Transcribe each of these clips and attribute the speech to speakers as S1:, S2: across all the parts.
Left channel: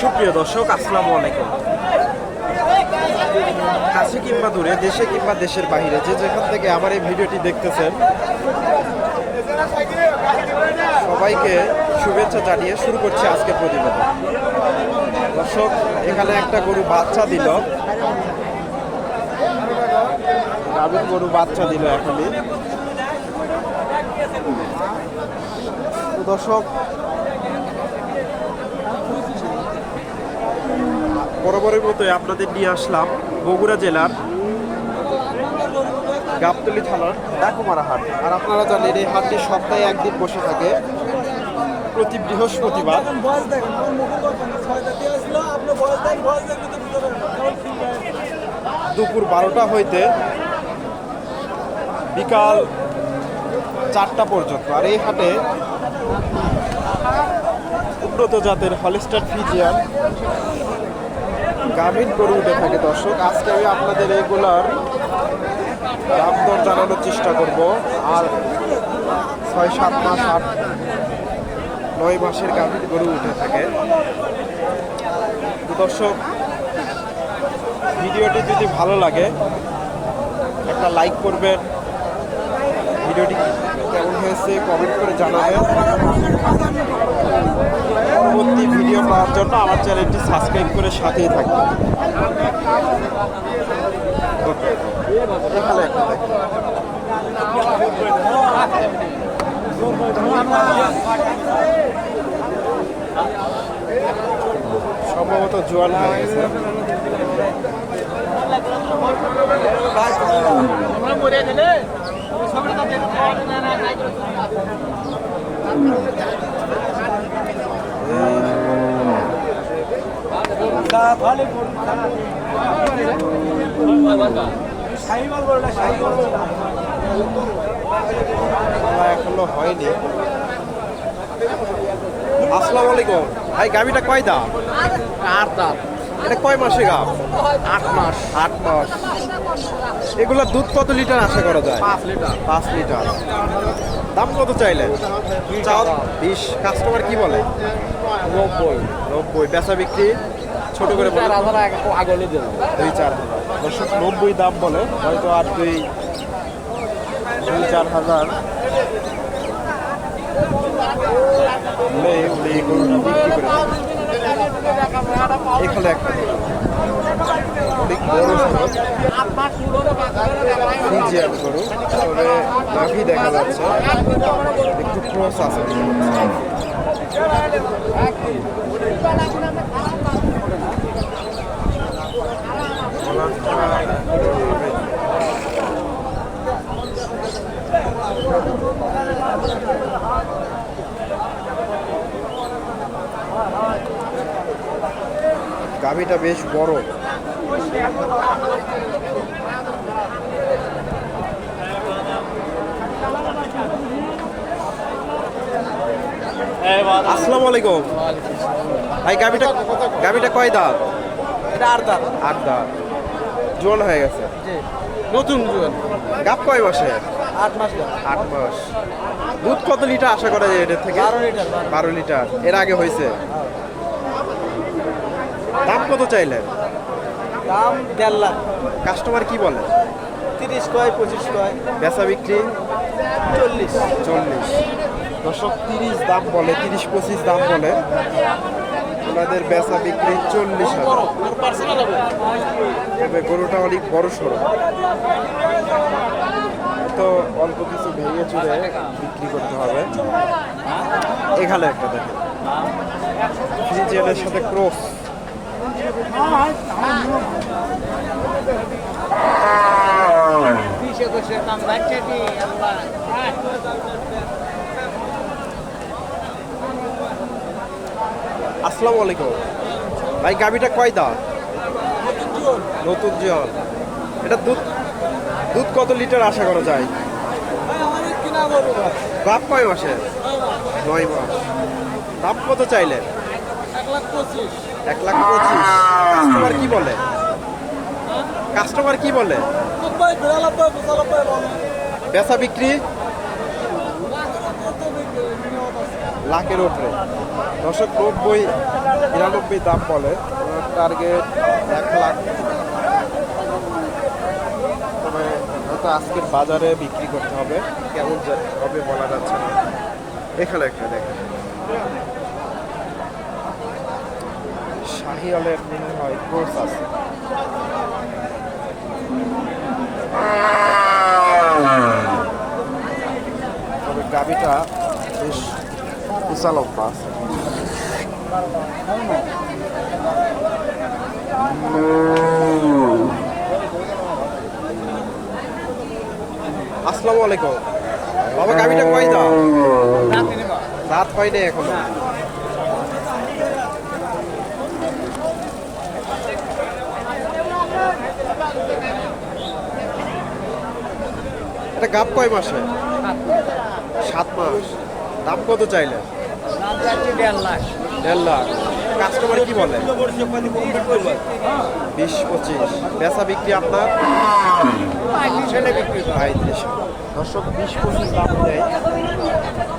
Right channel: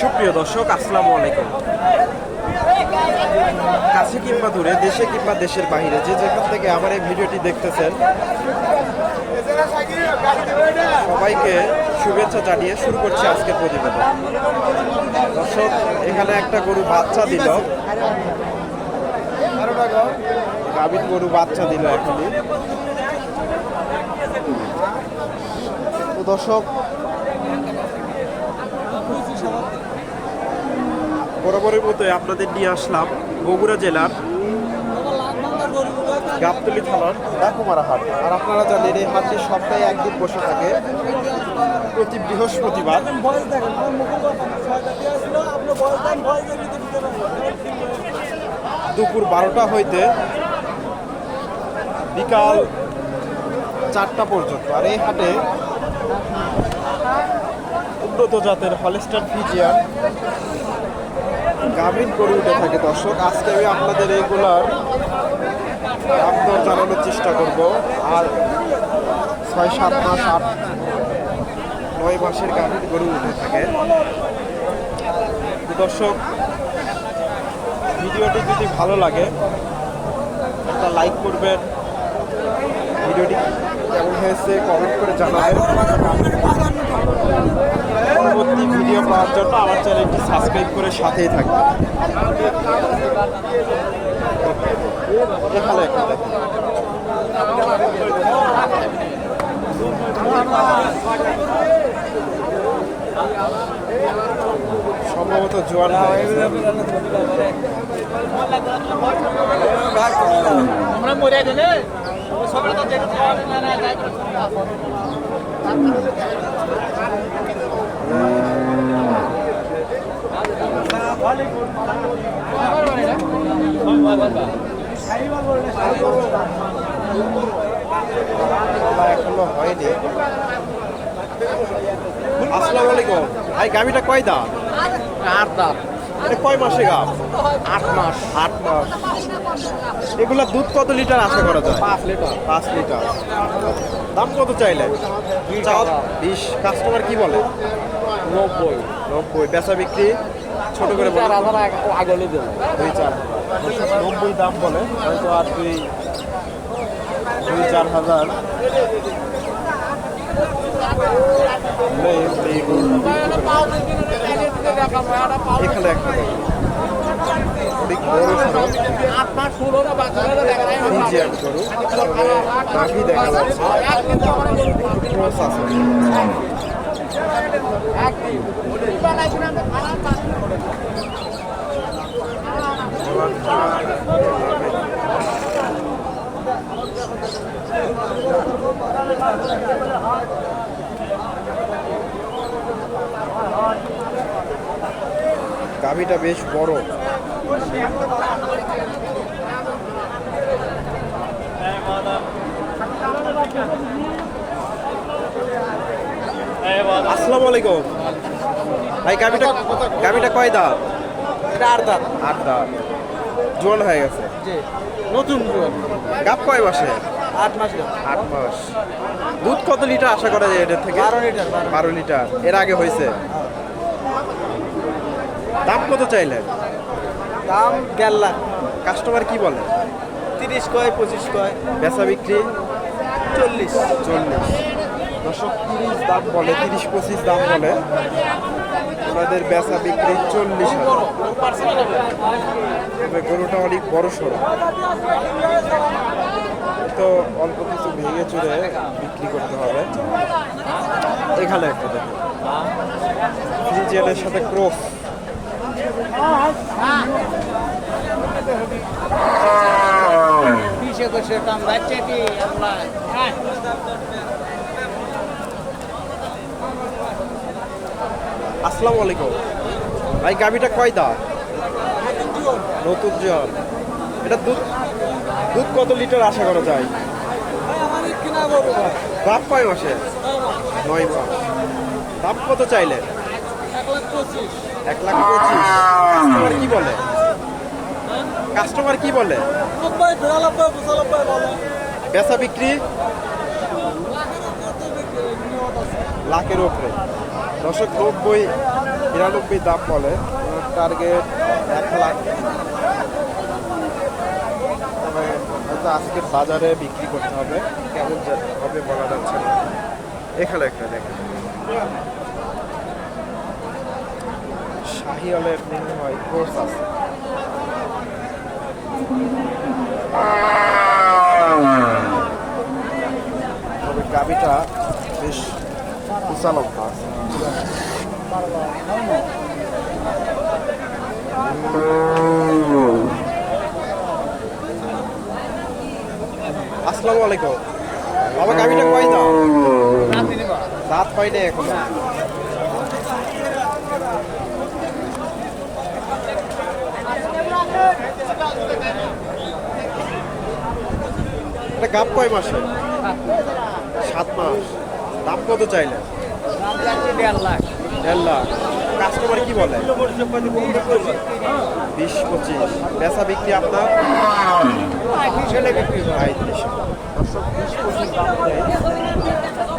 S1: সুপ্রিয় দর্শক, আসসালামু আলাইকুম। কাছে কিংবা দূরে, দেশে কিংবা দেশের বাইরে যে যেখান থেকে আমার এই ভিডিওটি দেখতেছেন, সবাইকে শুভেচ্ছা জানিয়ে শুরু করছি আজকের প্রতিবেদন। দর্শক, এখানে একটা গরু বাচ্চা দিল। গাভীর গরু বাচ্চা দিল এখনই তো দর্শক বরাবরের মতোই আপনাদের নিয়ে আসলাম বগুড়া জেলার গাবতলি থানার ডাকুমারা হাট। আর আপনারা জানেন, এই হাটটি সপ্তাহে একদিন বসে থাকে। প্রতি বৃহস্পতিবার। দুপুর বারোটা হইতে বিকাল চারটা পর্যন্ত। আর এই হাটে উন্নত জাতের হলিস্টার ফিজিয়ান গাভীর গরু উঠে থাকে দর্শক। আজকে আমি আপনাদের এগুলার দাম দর জানানোর চেষ্টা করব। আর ছয়, সাত মাস, আট, নয় মাসের গাভীর গরু উঠে থাকে। তো দর্শক, ভিডিওটি যদি ভালো লাগে, একটা লাইক করবেন ভিডিওটি কেমন হয়েছে কমেন্ট করে জানাবেন। পরবর্তী ভিডিও পাওয়ার জন্য আমার চ্যানেলটি সাবস্ক্রাইব করে সাথেই থাকবেন। এখানে একটা সম্ভবত জোয়ান হয়ে বলা এখনও হয়নি আসসালামু আলাইকুম ভাই গাভিটা কয় দাঁত?
S2: আট দাঁত।
S1: এটা কয় মাসে গাভ?
S2: আট মাস।
S1: আট মাস। এগুলা দুধ কত লিটার আশা করা যায়?
S2: পাঁচ লিটার।
S1: পাঁচ লিটার। দাম কত চাইলেন? বিশ। কাস্টমার কি বলে?
S2: নব্বই।
S1: নব্বই। বেচা বিক্রি? ছোট করে বলে
S2: আগলে দেবো।
S1: দুই চার নব্বই দাম বলে হয়তো আর দুই দুই চার হাজার। এখানে একটা অনেক বড় খরচ ফিজিয়ান গরু তবে নাভি দেখা যাচ্ছে একটু ক্রস আছে গাভিটা বেশ বড়। আসসালামু আলাইকুম। ভাই গাভিটা গাভিটা কয় দাঁত?
S2: এটা আট দাঁত।
S1: আট দাঁত। জোয়ান হয়ে গেছে।
S2: নতুন
S1: গাপ কয় মাসে?
S2: আট মাস
S1: আট মাস। দুধ কত লিটার আশা করা যায় এটার থেকে?
S2: বারো লিটার বারো।
S1: বারো লিটার। এর আগে হয়েছে? দাম কত চাইলেন?
S2: দাম দেড় লাখ।
S1: কাস্টমার কি বলে?
S2: তিরিশ কয় পঁচিশ কয়।
S1: বেচা বিক্রি?
S2: চল্লিশ।
S1: চল্লিশ। দশক তিরিশ দাম বলে, তিরিশ পঁচিশ দাম বলে। ওনাদের বেচা বিক্রি চল্লিশ হাজার। তবে গরুটা অনেক বড় সড়ো। তো অল্প কিছু ভেঙে চুরে বিক্রি করতে হবে। এখানে একটা দেখেন ফ্রিজিয়ানের সাথে ক্রস। আসসালামু আলাইকুম। ভাই গাভিটা কয় দা নতুন জিয়ন এটা দুধ দুধ কত লিটার আশা করা যায়? বাপ কয় মাসে? নয় মাস। দাম কত চাইলেন?
S2: এক লাখ পঁচিশ।
S1: কাস্টমার কি বলে? কাস্টমার কি বলে। বেচা বিক্রি? লাখের উপরে। দশক নব্বই বিরানব্বই দাম বলে। টার্গেট এক লাখ। মানে হয়তো আজকের বাজারে বিক্রি করতে হবে। কেমন হবে বলা যাচ্ছে না। এখানে একটা দেখেন। শাহি হলের মনে হয় ক্রোস আছে তবে গাবিটা বেশ কুসালম্বা আছে আসসালামু আলাইকুম। বাবা গাবিটা কয় দাও দাঁত পাই নাই এখনও? এটা গাব কয় মাসে। সাত মাস। দাম কত চাইলে?
S2: দাম যাচ্ছে দেড় লাখ।
S1: দেড় লাখ। কাস্টমার কি বলে? বিশ পঁচিশ। বেচা বিক্রি আপনার? পঁয়ত্রিশ দর্শক বিশ পঁচিশ দাম দেয়।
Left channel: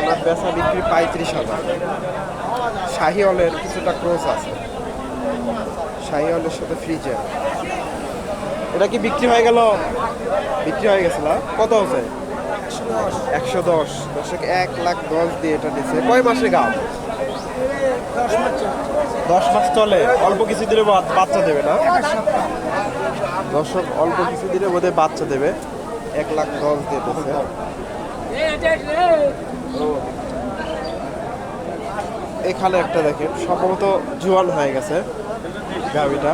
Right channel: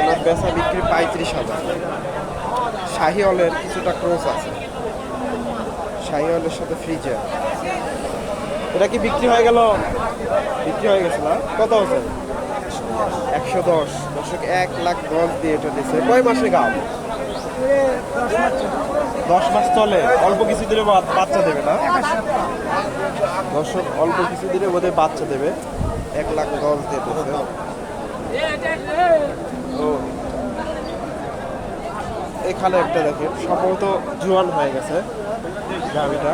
S1: ওনার বেচা বিক্রি পঁয়ত্রিশ হাজার। শাহি হলের কিছুটা ক্রোস আছে। শাহি হলের সাথে ফ্রিজের এটা কি বিক্রি হয়ে গেল? বিক্রি হয়ে গেছিল কত আছে একশো দশ, দর্শক এক লাখ দশ দিয়ে এটা দিচ্ছে কয় মাসে গাম দশ মাস চলে, অল্প কিছু দিলে বাচ্চা দেবে না? দর্শক, অল্প কিছু দিলে বোধহয় বাচ্চা দেবে। এক লাখ দশ দিয়ে দিচ্ছে এখানে একটা দেখেন, সম্ভবত জোয়ান হয়ে গেছে গাড়িটা।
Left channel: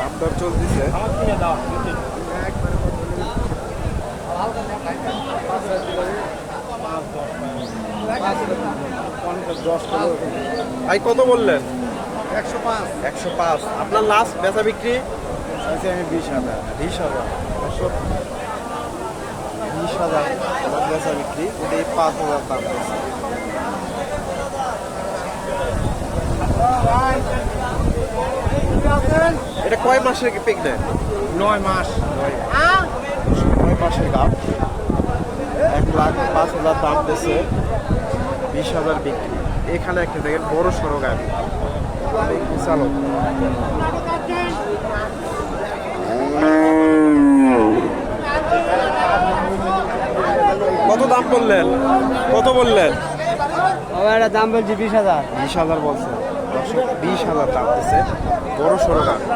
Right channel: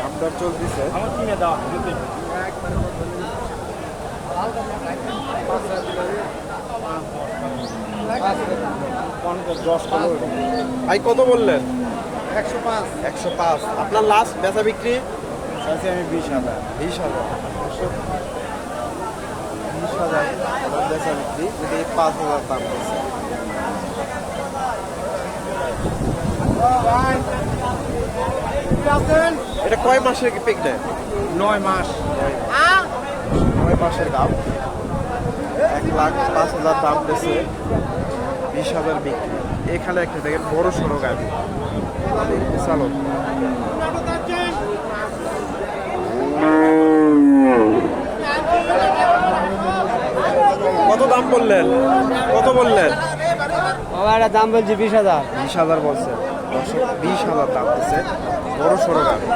S1: দাম দর চলতেছে।
S2: আমার কিনে দাও
S1: ভাই কত বললেন?
S2: একশো পাঁচ।
S1: একশো পাঁচ। আপনার লাস্ট বেচা বিক্রি?
S2: আছে আমি বিশ হাজার।
S1: বিশ হাজার। বিশ হাজার বেচা বিক্রি। উনি পাঁচ হাজার দাম বলছে এটা কয় মাসের প্রেগনেন্ট
S2: নয় মাস।
S1: নয় মাস। নয় মাসের দাম। এক লাখ পাঁচ হাজার দাম দিয়েছে বিশ হাজার বিক্রি। এখানে একটা দেখেন বড় সড়ো গাড়ি। মানে চালক। কত দাম বললেন? কত বললেন?
S2: বাবা এটা দাম বলছি বিশ হাজার।
S1: বিশ হাজার বলছেন দর্শক বিশ হাজার দাম দিচ্ছে। বড় সড়ো গাড়ি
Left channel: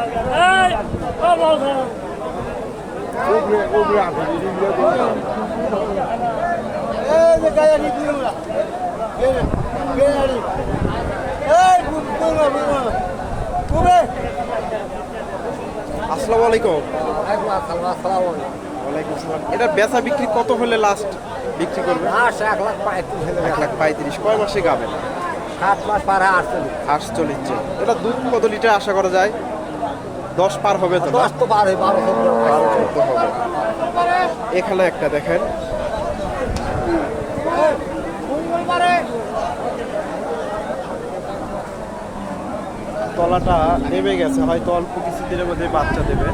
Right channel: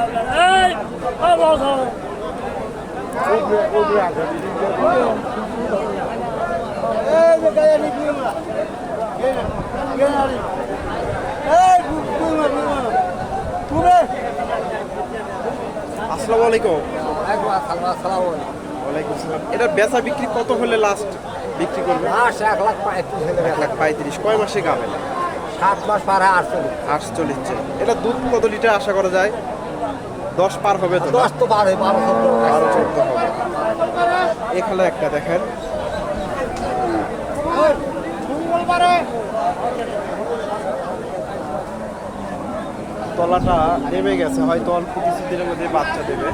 S1: আসসালামু আলাইকুম। ওয়ালাইকুম সালাম এটা বেচা বিক্রি কত হলে লাস্ট বিক্রি করবে?
S2: লাস্ট এক লাখ পঁয়ত্রিশ হলে
S1: এক লাখ পঁয়ত্রিশ। কয় মাসে গাবেন
S2: সাত মাস পার আটচল্লিশ।
S1: আটচল্লিশ এটা দুধ কত লিটার আশা করা যায়? দশ পার হবে তো
S2: দশ তো পার হয় বারো
S1: বারো চোদ্দ হবে। এখানে একটা দেখেন। তলাটা নেমে গেছে হয়তো অল্প কিছু দিনের মধ্যে বাচ্চা দেবে।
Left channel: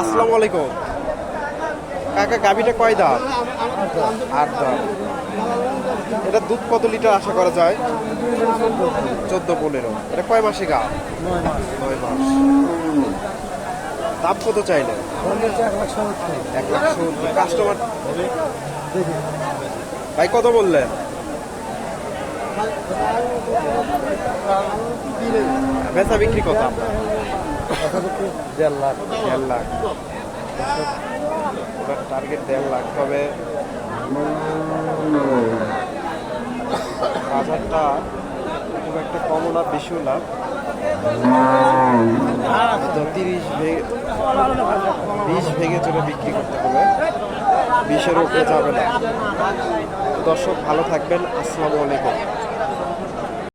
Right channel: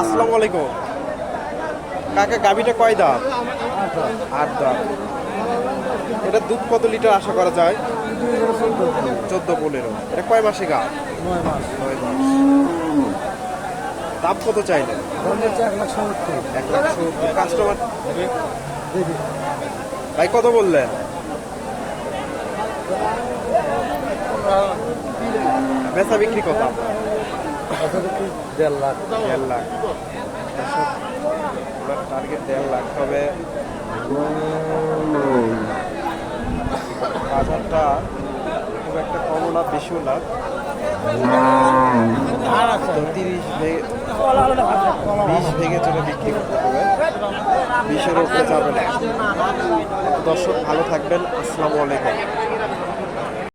S1: আসসালামু আলাইকুম। কাকা গাবিটা কয় দাঁত? আট দাঁত। এটা দুধ কত লিটার আশা করা যায়? চোদ্দ পনেরো। এটা কয় মাসে গা
S2: নয় মাস।
S1: নয় মাস। দাম কত চাইলে
S2: এক লাখ সত্তর।
S1: এক লাখ সত্তর। কাস্টমার? হবে। ভাই কত বললেন? বেচা বিক্রি কত আপনার?
S2: দেড় লাখ
S1: দেড় লাখ। টার্গেট দেড় বাজারটা খুব একটা কমও না, বেশিও না। তিরিশ বিশ ভেঙে চলে বিক্রি করতে হবে। বিশের উপরে যাবে না। দর্শক, ভালো থাকবেন। আসসালামু আলাইকুম।